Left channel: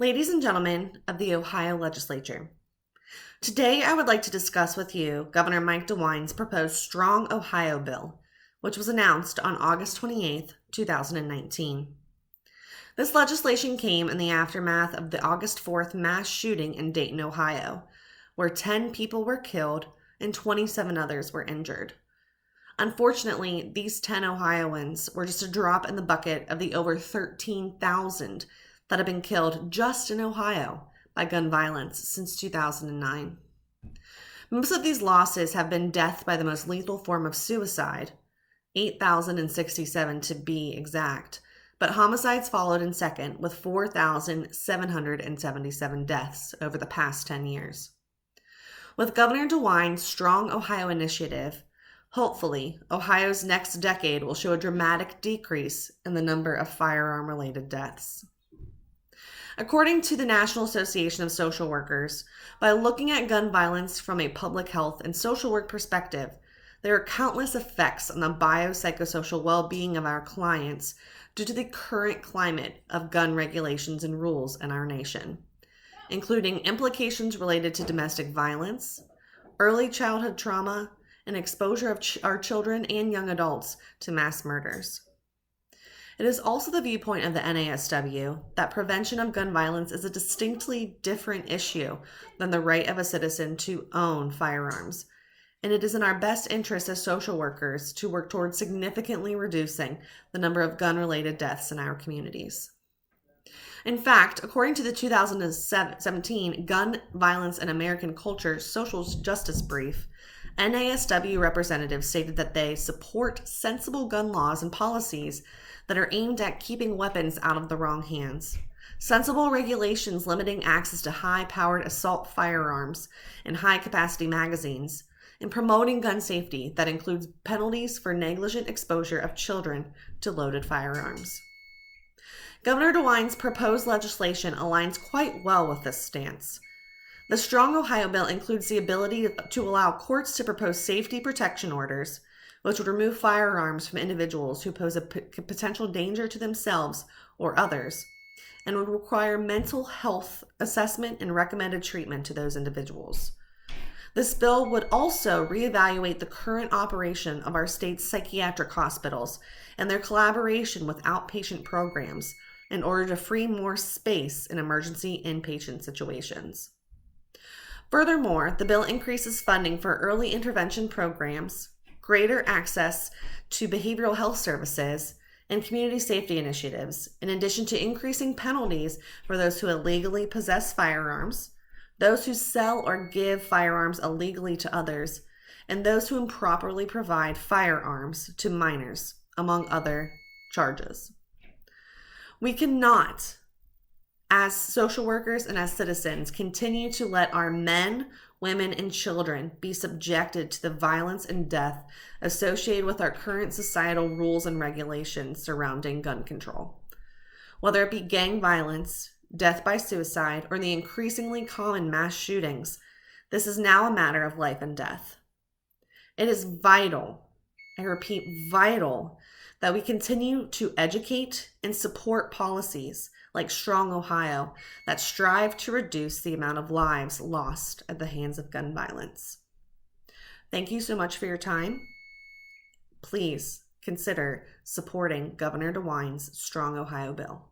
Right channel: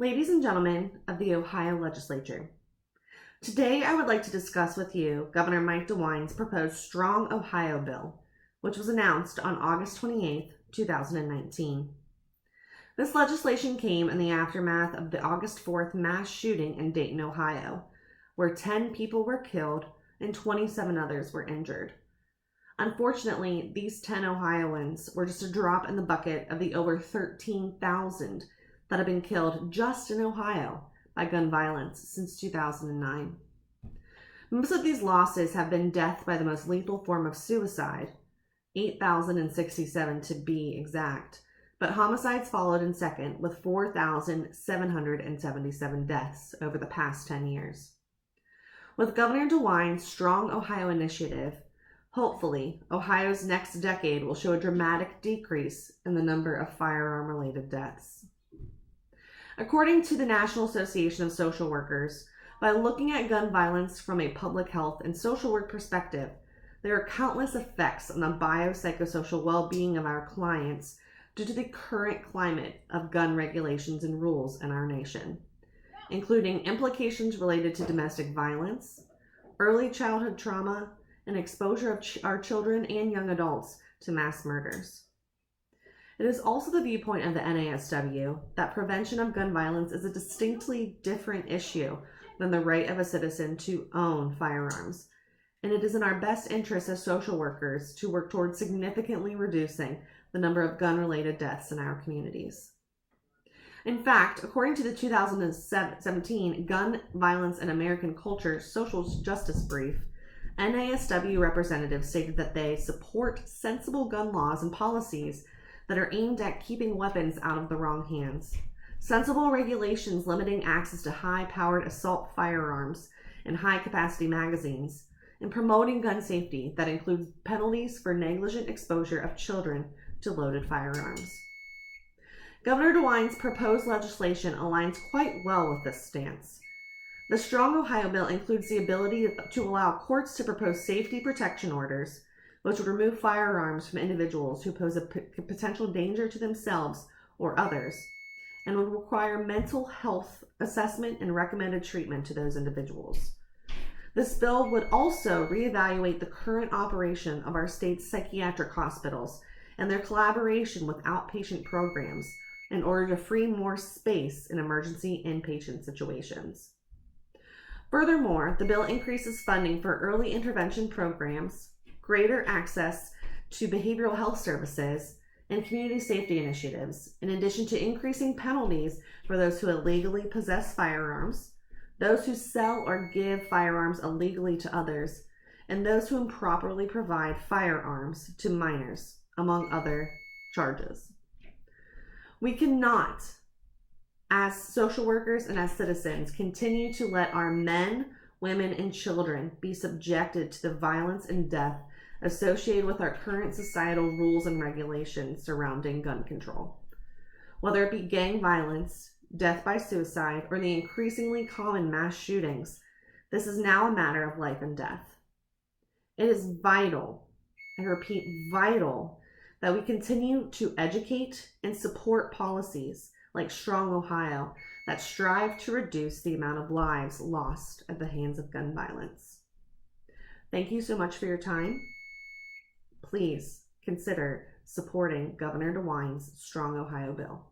Ladies and gentlemen of the Ohio Legislature, today I would like to discuss with you Governor Mike DeWine's proposed Strong Ohio Bill, which was announced on August 28, 2019. This legislation came in the aftermath of the August 4th mass shooting in Dayton, Ohio, where 10 people were killed and 27 others were injured. Unfortunately, these 10 Ohioans were just a drop in the bucket of the over 13,000 that have been killed just in Ohio by gun violence since 2009. Most of these losses have been death by the most lethal form of suicide, 8,067 to be exact, but homicides followed in second with 4,777 deaths over the past 10 years. With Governor DeWine's Strong Ohio initiative, hopefully, Ohio's next decade will show a dramatic decrease in the number of firearm-related deaths. According to the National Association of Social Workers, by looking at gun violence from a public health and social work perspective, there are countless effects on the biopsychosocial well-being of our clients due to the current climate of gun regulations and rules in our nation, including implications related to domestic violence, early childhood trauma, and exposure of our children and young adults to mass murders. It is also the viewpoint of the NASW that prevention of gun violence is a distinctly different issue than the right of a citizen to own firearms, and it is in our best interest as social workers to work towards significantly reducing the number of gun-related deaths in our communities. In fact, according to the 2017 Gun Violence in American Culture Social Justice Brief, NASW representatives stated that they support sensible gun laws and policies that are aimed at keeping weapons out of the wrong hands, sensible regulations limiting access to high-powered assault firearms and high-capacity magazines, and promoting gun safety that includes penalties for negligent exposure of children to loaded firearms. Governor DeWine's proposed legislation aligns quite well with this stance. The Strong Ohio Bill includes the ability to allow courts to propose safety protection orders, which would remove firearms from individuals who pose a potential danger to themselves or others, and would require mental health assessment and recommended treatment to those individuals. This bill would also reevaluate the current operation of our state's psychiatric hospitals and their collaboration with outpatient programs in order to free more space in emergency inpatient situations. Furthermore, the bill increases funding for early intervention programs, greater access to behavioral health services, and community safety initiatives, in addition to increasing penalties for those who illegally possess firearms, those who sell or give firearms illegally to others, and those who improperly provide firearms to minors, among other charges. We cannot, as social workers and as citizens, continue to let our men, women, and children be subjected to the violence and death associated with our current societal rules and regulations surrounding gun control. Whether it be gang violence, death by suicide, or the increasingly common mass shootings, this is now a matter of life and death. It is vital, I repeat, vital, that we continue to educate and support policies like Strong Ohio that strive to reduce the amount of lives lost at the hands of gun violence. Thank you so much for your time. Please consider supporting Governor DeWine's Strong Ohio Bill.